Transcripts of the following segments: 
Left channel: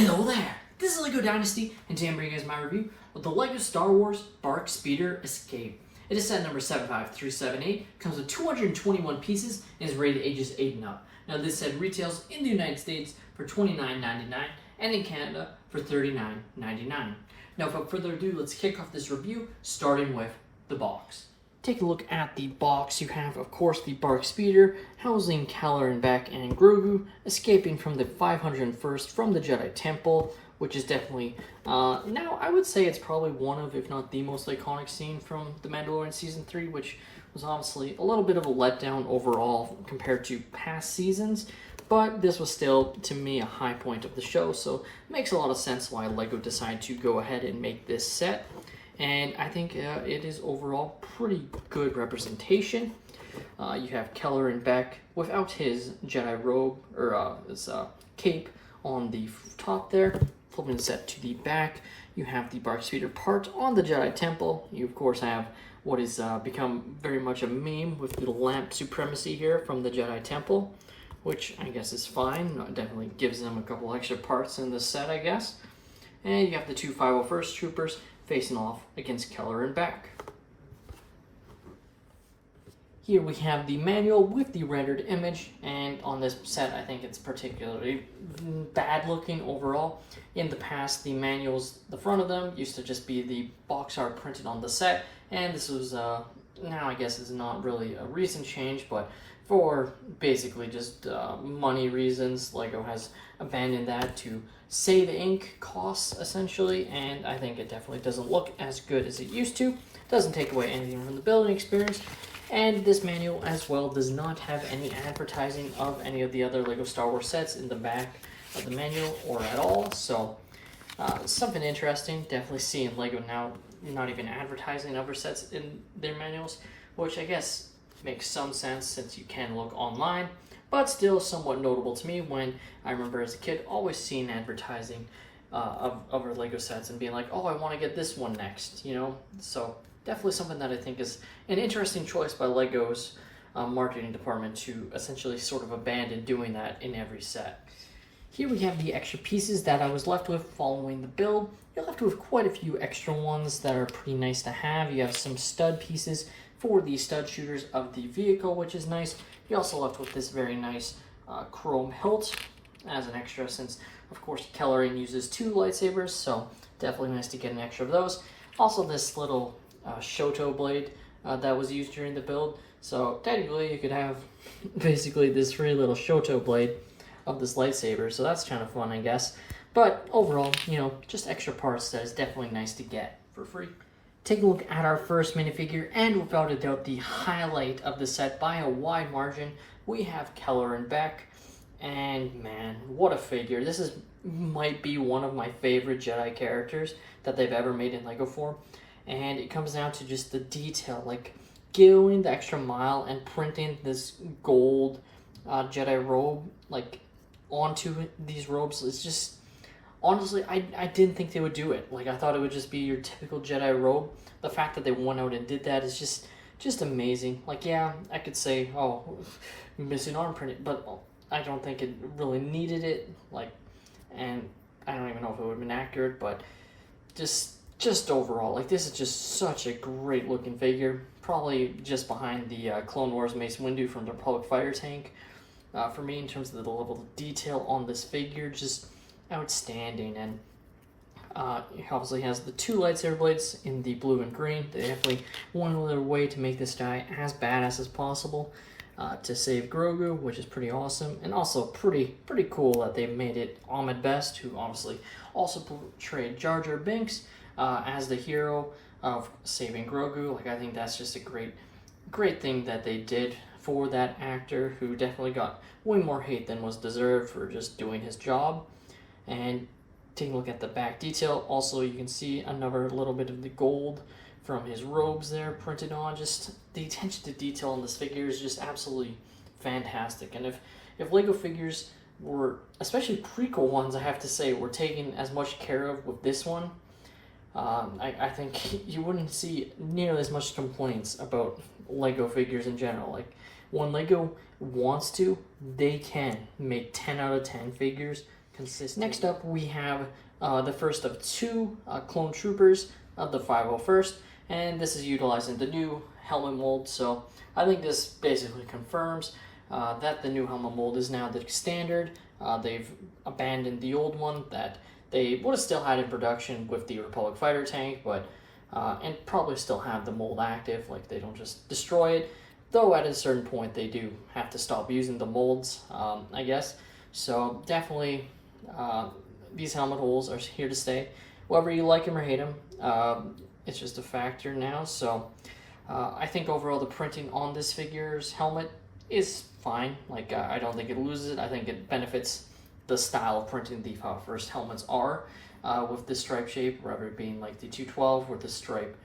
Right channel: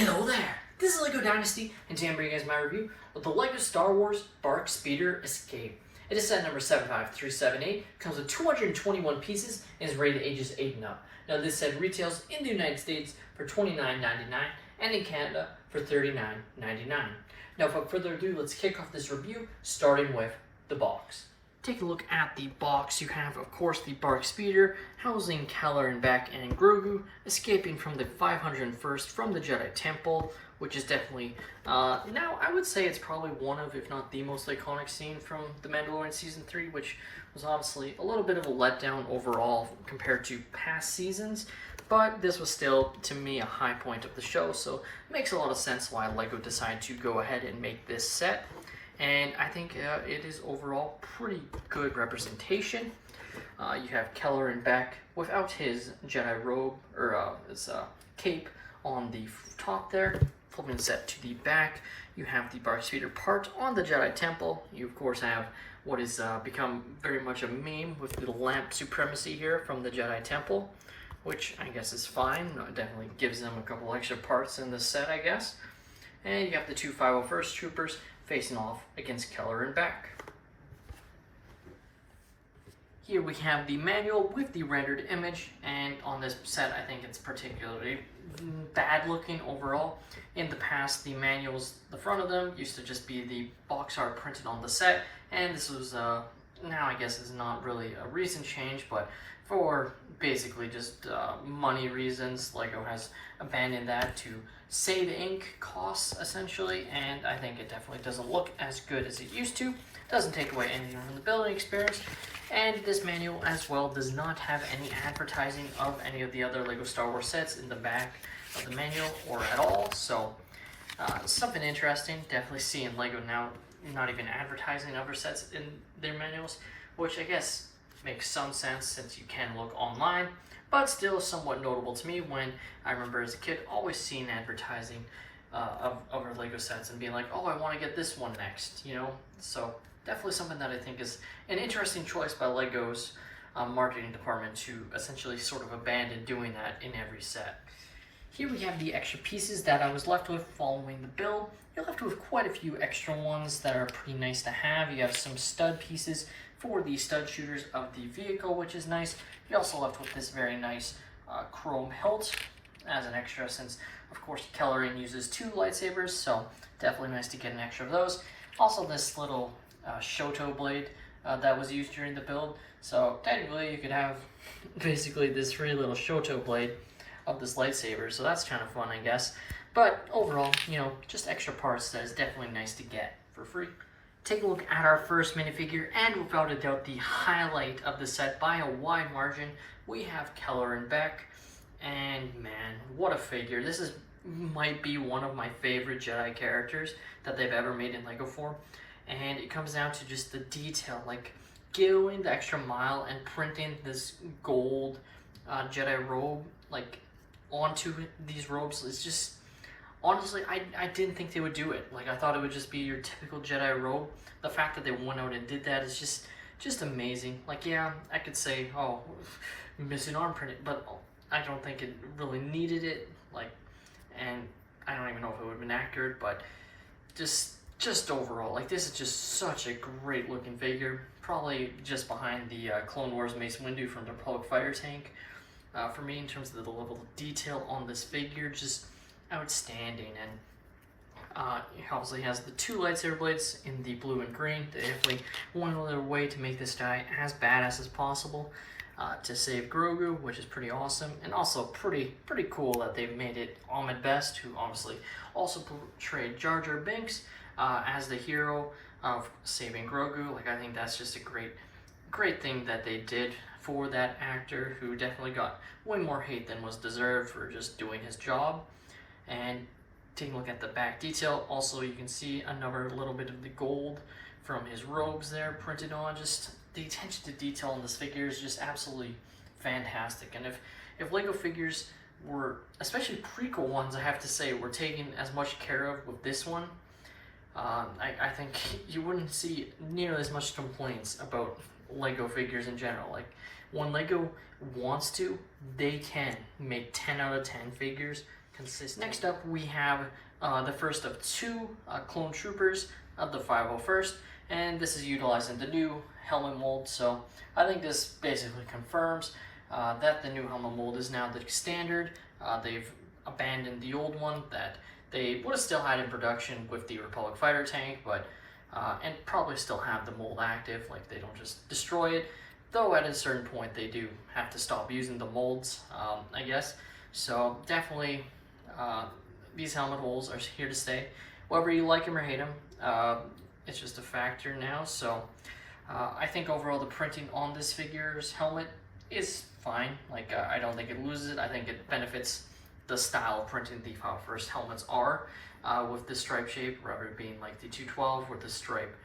Hello there! This is LEGO Dynasty, and today I'm bringing you guys my review of the LEGO Star Wars BARC Speeder Escape. It is set number 75378, comes with 221 pieces, and is rated ages 8 and up. Now this set retails in the United States for $29.99 and in Canada for $39.99. Now without further ado, let's kick off this review, starting with the box. Take a look at the box. You have, of course, the BARC Speeder, housing Keller and Beck and Grogu, escaping from the 501st from the Jedi Temple, which is definitely, now I would say it's probably one of, if not the most iconic scene from The Mandalorian Season 3, which was honestly a little bit of a letdown overall compared to past seasons, but this was still, to me, a high point of the show, so it makes a lot of sense why LEGO decided to go ahead and make this set. And I think it is overall pretty good representation. You have Keller and Beck without his Jedi robe, or his cape on the top there. Flipping the set to the back, you have the BARC Speeder part on the Jedi Temple. You of course have what has become very much a meme with the lamp supremacy here from the Jedi Temple, which I guess is fine. It definitely gives them a couple extra parts in this set, I guess. And you have the two 501st troopers facing off against Keller and Beck. Here we have the manual with the rendered image, and on this set I think it's particularly bad looking overall. In the past, the manuals, the front of them used to just be the box art printed on the set, and this was now I guess it's not really a recent change, but for basically just money reasons, LEGO has abandoned that to save ink costs essentially, and I think it definitely doesn't look as good as it used to. Doesn't take away anything from the building experience, and this manual as well does not have any advertising of any of the other LEGO Star Wars sets in the back of the manual or at all, so something interesting. Definitely seeing LEGO now not even advertising other sets in their manuals, which I guess makes some sense since you can look online, but still somewhat notable to me when I remember as a kid always seeing advertising of other LEGO sets and being like, oh, I want to get this one next, you know? So definitely something that I think is an interesting choice by LEGO's marketing department to essentially sort of abandon doing that in every set. Here we have the extra pieces that I was left with following the build. You're left with quite a few extra ones that are pretty nice to have. You have some stud pieces for the stud shooters of the vehicle, which is nice. You're also left with this very nice chrome hilt as an extra, since of course Kellerian uses two lightsabers, so definitely nice to get an extra of those. Also this little Shoto blade that was used during the build, so technically you could have basically this free little Shoto blade of this lightsaber, so that's kind of fun, I guess. But overall, you know, just extra parts that is definitely nice to get for free. Take a look at our first minifigure, and without a doubt the highlight of the set by a wide margin, we have Keller and Beck. And man, what a figure. This might be one of my favorite Jedi characters that they've ever made in LEGO form. And it comes down to just the detail, like going the extra mile and printing this gold Jedi robe like onto these robes. It's just, honestly, I didn't think they would do it. Like, I thought it would just be your typical Jedi robe. The fact that they went out and did that is just amazing. Like, yeah, I could say, oh, we're missing arm printed, but I don't think it really needed it. Like, and I don't even know if it would have been accurate, but just overall, like, this is just such a great looking figure. Probably just behind the Clone Wars Mace Windu from the Republic Fighter Tank. For me, in terms of the level of detail on this figure, just outstanding. And he obviously has the two lightsaber blades in the blue and green. They definitely went another way to make this guy as badass as possible to save Grogu, which is pretty awesome, and also pretty cool that they made it Ahmed Best, who obviously also portrayed Jar Jar Binks as the hero of saving Grogu. Like, I think that's just a great thing that they did for that actor, who definitely got way more hate than was deserved for just doing his job. And taking a look at the back detail, also you can see another little bit of the gold from his robes there printed on. Just the attention to detail on this figure is just absolutely fantastic. And if LEGO figures were, especially prequel ones, I have to say, were taken as much care of with this one, I think you wouldn't see nearly as much complaints about LEGO figures in general. Like, when LEGO wants to, they can make 10 out of 10 figures consistent. Next up, we have the first of two clone troopers of the 501st, and this is utilizing the new helmet mold. So I think this basically confirms that the new helmet mold is now the standard. They've abandoned the old one that they would have still had in production with the Republic fighter tank, but and probably still have the mold active, like they don't just destroy it, though at a certain point they do have to stop using the molds, I guess. So definitely these helmet holes are here to stay, whether you like them or hate them. It's just a factor now. So I think overall the printing on this figure's helmet is fine. Like I don't think it loses it. I think it benefits the style of printing the first helmets are with this stripe shape, rather it being like the 212 where the stripe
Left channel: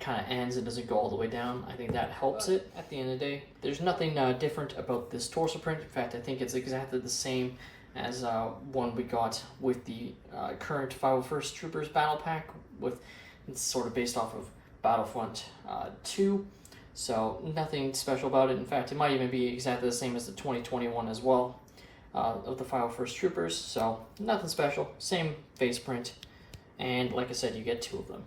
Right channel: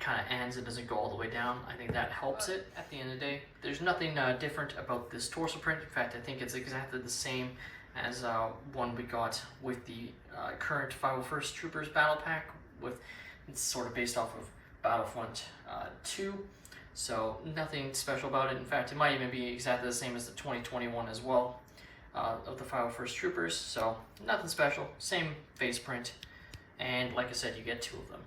kind of ends, it doesn't go all the way down. I think that helps it. At the end of the day, there's nothing different about this torso print. In fact, I think it's exactly the same as one we got with the current 501st Troopers Battle Pack. It's sort of based off of Battlefront 2, so nothing special about it. In fact, it might even be exactly the same as the 2021 as well of the 501st Troopers, so nothing special, same face print, and like I said, you get two of them.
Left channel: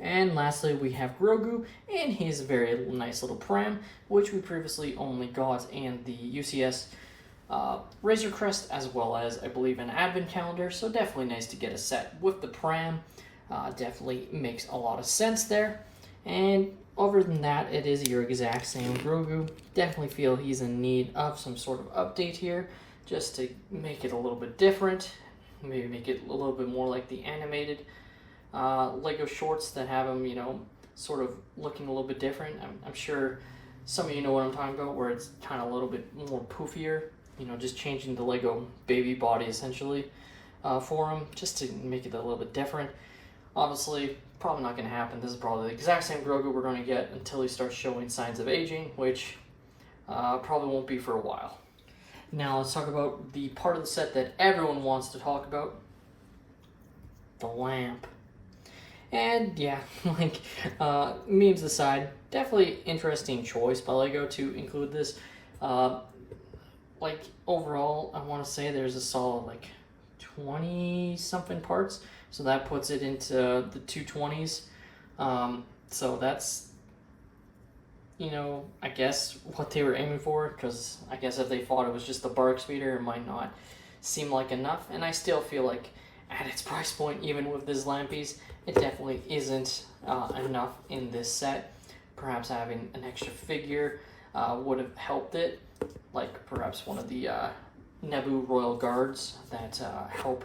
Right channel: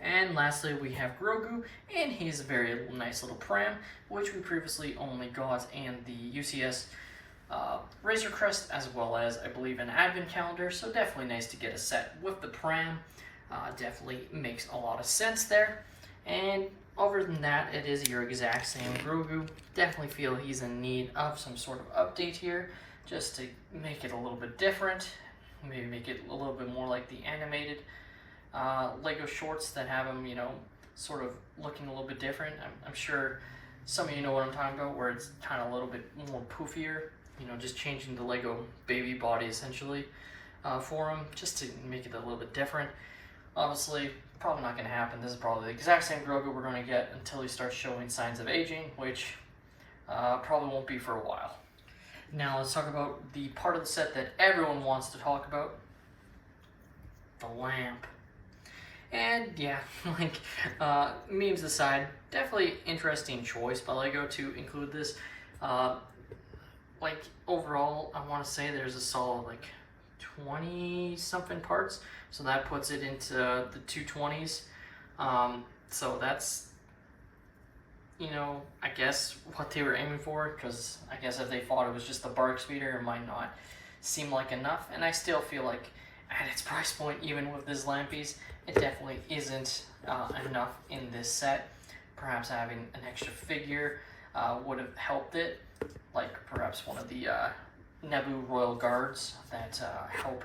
And lastly, we have Grogu in his very nice little pram, which we previously only got in the UCS Razor Crest, as well as, I believe, an advent calendar, so definitely nice to get a set with the pram. Definitely makes a lot of sense there. And other than that, it is your exact same Grogu. Definitely feel he's in need of some sort of update here, just to make it a little bit different. Maybe make it a little bit more like the animated Lego shorts that have him, you know, sort of looking a little bit different. I'm sure some of you know what I'm talking about, where it's kind of a little bit more poofier, you know, just changing the Lego baby body essentially for him, just to make it a little bit different. Obviously, probably not going to happen. This is probably the exact same Grogu we're going to get until he starts showing signs of aging, which probably won't be for a while. Now let's talk about the part of the set that everyone wants to talk about, the lamp. And yeah, like, memes aside, definitely interesting choice by LEGO to include this. Like, overall, I want to say there's a solid, like, 20-something parts, so that puts it into the 220s. So that's, you know, I guess what they were aiming for, because I guess if they thought it was just the BARC speeder, it might not seem like enough, and I still feel like at its price point, even with this lamp piece, it definitely isn't enough in this set. Perhaps having an extra figure would have helped it, like perhaps one of the Naboo Royal Guards that help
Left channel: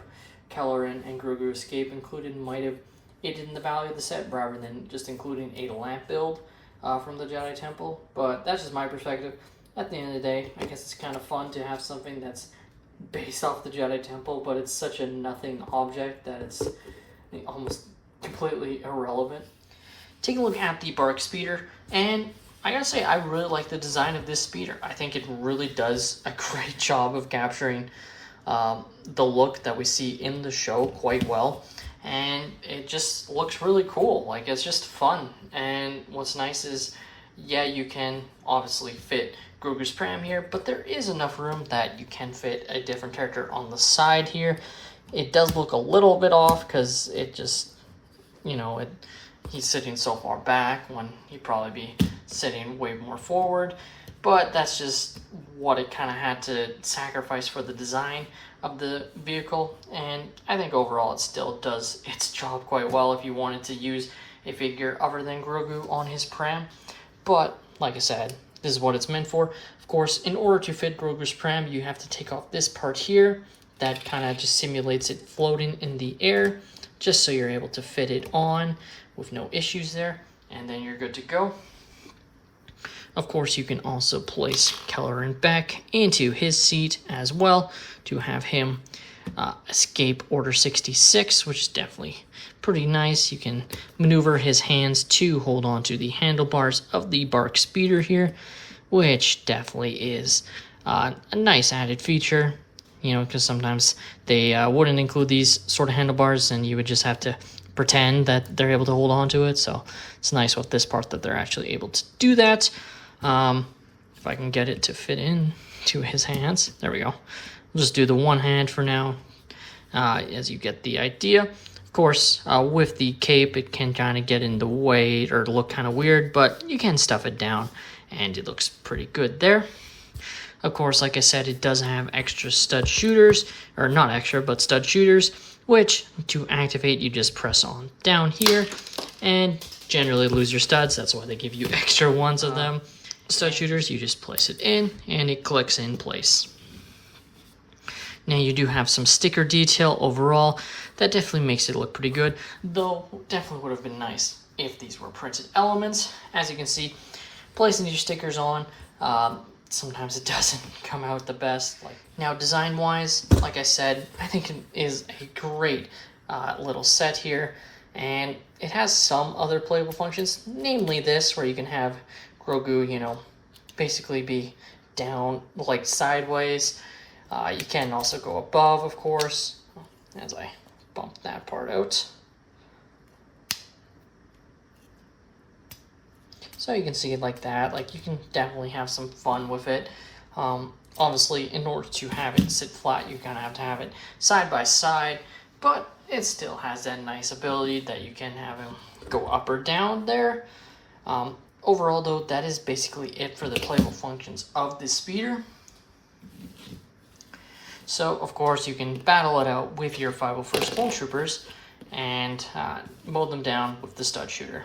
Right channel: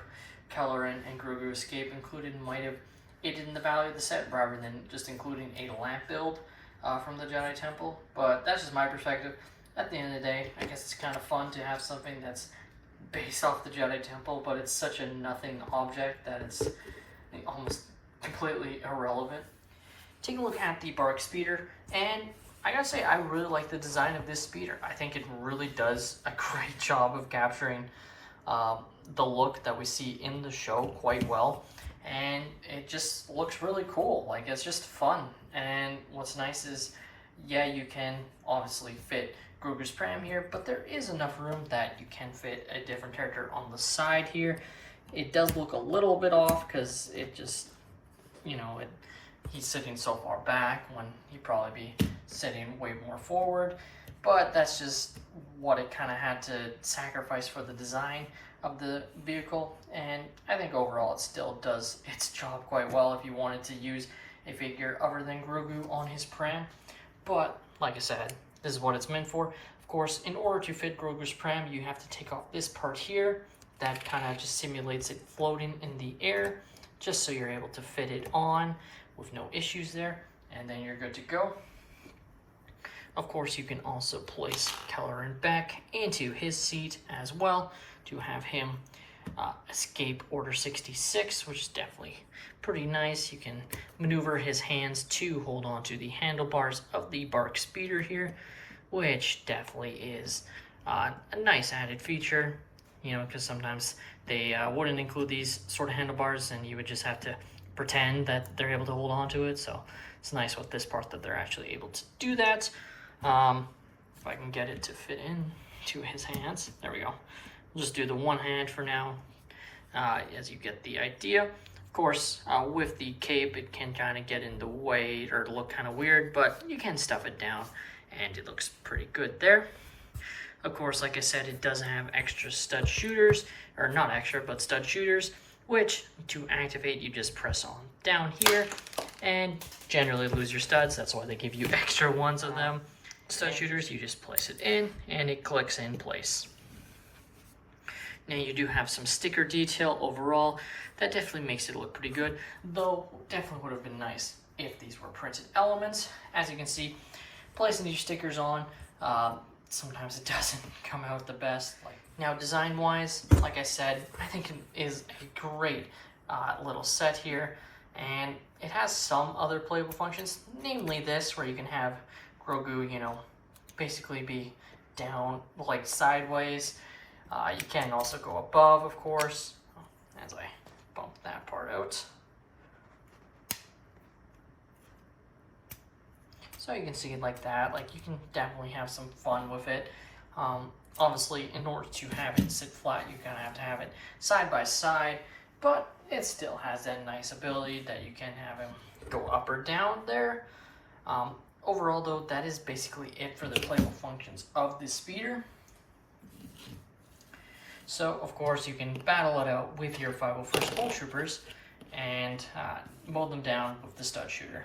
Kylo Ren and Grogu escape included might have aided in the value of the set, rather than just including a lamp build from the Jedi Temple. But that's just my perspective. At the end of the day, I guess it's kind of fun to have something that's based off the Jedi Temple, but it's such a nothing object that it's almost completely irrelevant. Take a look at the BARC speeder, and I gotta say, I really like the design of this speeder. I think it really does a great job of capturing the look that we see in the show quite well, and it just looks really cool. Like, it's just fun. And what's nice is, yeah, you can obviously fit Grogu's pram here, but there is enough room that you can fit a different character on the side here. It does look a little bit off because it just, you know, he's sitting so far back when he'd probably be sitting way more forward, but that's just what it kind of had to sacrifice for the design of the vehicle, and I think overall it still does its job quite well if you wanted to use a figure other than Grogu on his pram. But like I said, this is what it's meant for. Of course, in order to fit Grogu's pram, you have to take off this part here that kind of just simulates it floating in the air, just so you're able to fit it on with no issues there, and then you're good to go. Of course, you can also place Kylo Ren back into his seat as well to have him escape Order 66, which is definitely pretty nice. You can maneuver his hands to hold on to the handlebars of the BARC speeder here, which definitely is a nice added feature, you know, because sometimes they wouldn't include these sort of handlebars and you would just have to pretend that they're able to hold on to it. So it's nice with this part that they're actually able to do that. If I can get it to fit in to his hands, there we go. We'll just do the one hand for now, as you get the idea. Of course, with the cape, it can kind of get in the way or look kind of weird, but you can stuff it down, and it looks pretty good there. Of course, like I said, it does have extra stud shooters, or not extra, but stud shooters, which to activate, you just press on down here and generally lose your studs. That's why they give you extra ones of them. Stud shooters, you just place it in and it clicks in place. Now you do have some sticker detail overall. That definitely makes it look pretty good, though definitely would have been nice if these were printed elements. As you can see, placing your stickers on, sometimes it doesn't come out the best. Now, design-wise, like I said, I think it is a great little set here, and it has some other playable functions, namely this, where you can have Grogu, you know, basically be down, like sideways. You can also go above, of course, as I bump that part out. So you can see it like that. Like, you can definitely have some fun with it. Honestly, in order to have it sit flat, you kind of have to have it side by side, but it still has that nice ability that you can have him go up or down there. Overall, though, that is basically it for the playable functions of this speeder. So, of course, you can battle it out with your 501st Stormtroopers and mow them down with the stud shooter.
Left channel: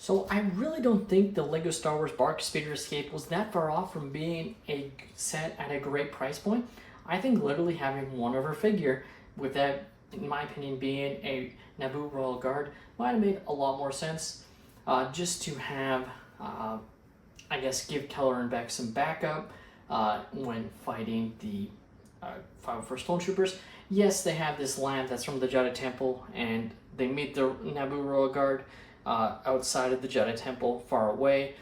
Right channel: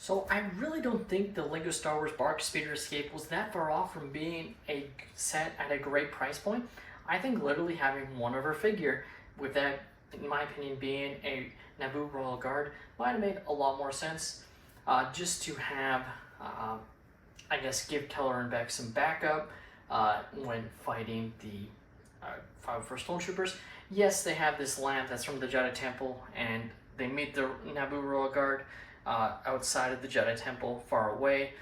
So I really don't think the LEGO Star Wars BARC Speeder Escape was that far off from being a set at a great price point. I think literally having one of her figure, with that, in my opinion, being a Naboo Royal Guard, might have made a lot more sense. Just to have, I guess, give Keller and Beck some backup when fighting the 501st Stormtroopers. Yes, they have this lamp that's from the Jedi Temple, and they meet the Naboo Royal Guard outside of the Jedi Temple, far away.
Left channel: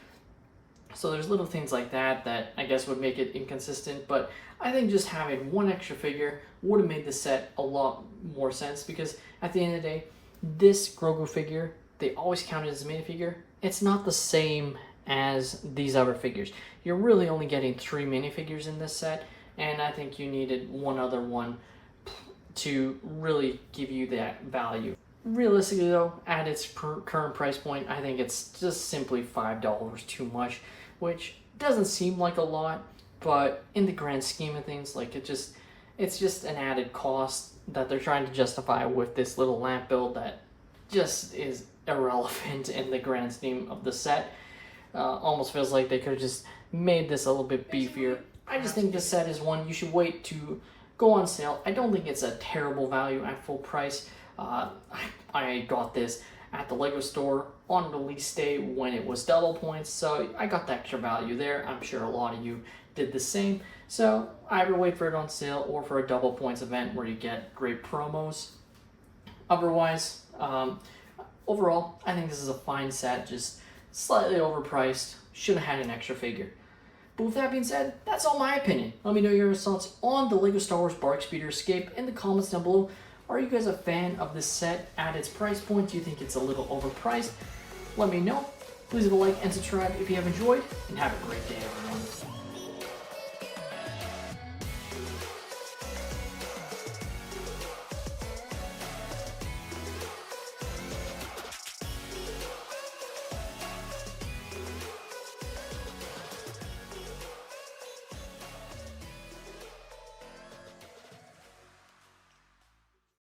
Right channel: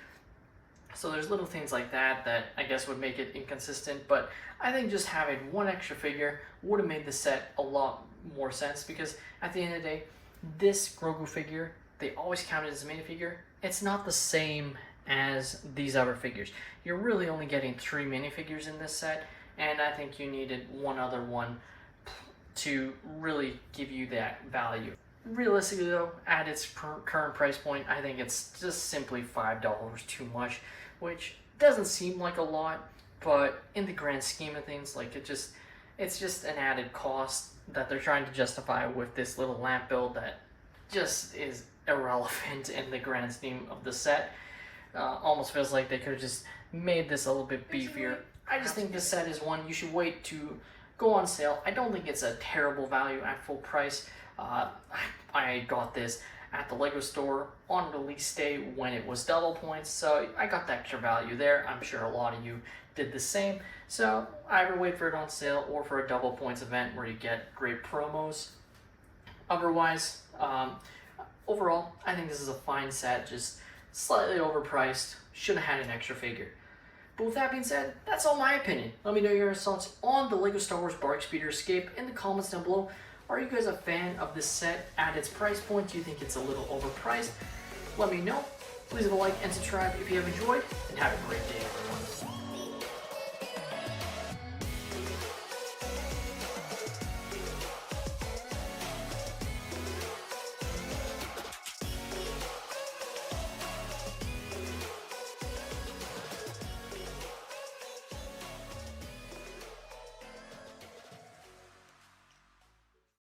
So there's little things like that that I guess would make it inconsistent, but I think just having one extra figure would have made the set a lot more sense, because at the end of the day, this Grogu figure, they always count it as a minifigure. It's not the same as these other figures. You're really only getting 3 minifigures in this set, and I think you needed one other one to really give you that value. Realistically though, at its current price point, I think it's just simply $5 too much, which doesn't seem like a lot, but in the grand scheme of things, like it's just an added cost that they're trying to justify with this little lamp build that just is irrelevant in the grand scheme of the set. Almost feels like they could have just made this a little bit beefier. I just think this set is one you should wait to go on sale. I don't think it's a terrible value at full price. I got this at the LEGO store on release day when it was double points, so I got the extra value there. I'm sure a lot of you did the same. So either wait for it on sale or for a double points event where you get great promos. Otherwise, overall, I think this is a fine set, just slightly overpriced. Should have had an extra figure. But with that being said, that's all my opinion. Let me know your thoughts on the LEGO Star Wars BARC Speeder Escape in the comments down below. Are you guys a fan of this set at its price point? Do you think it's a little overpriced? Let me know. Please leave a like and subscribe if you have enjoyed, and have a great day, everyone.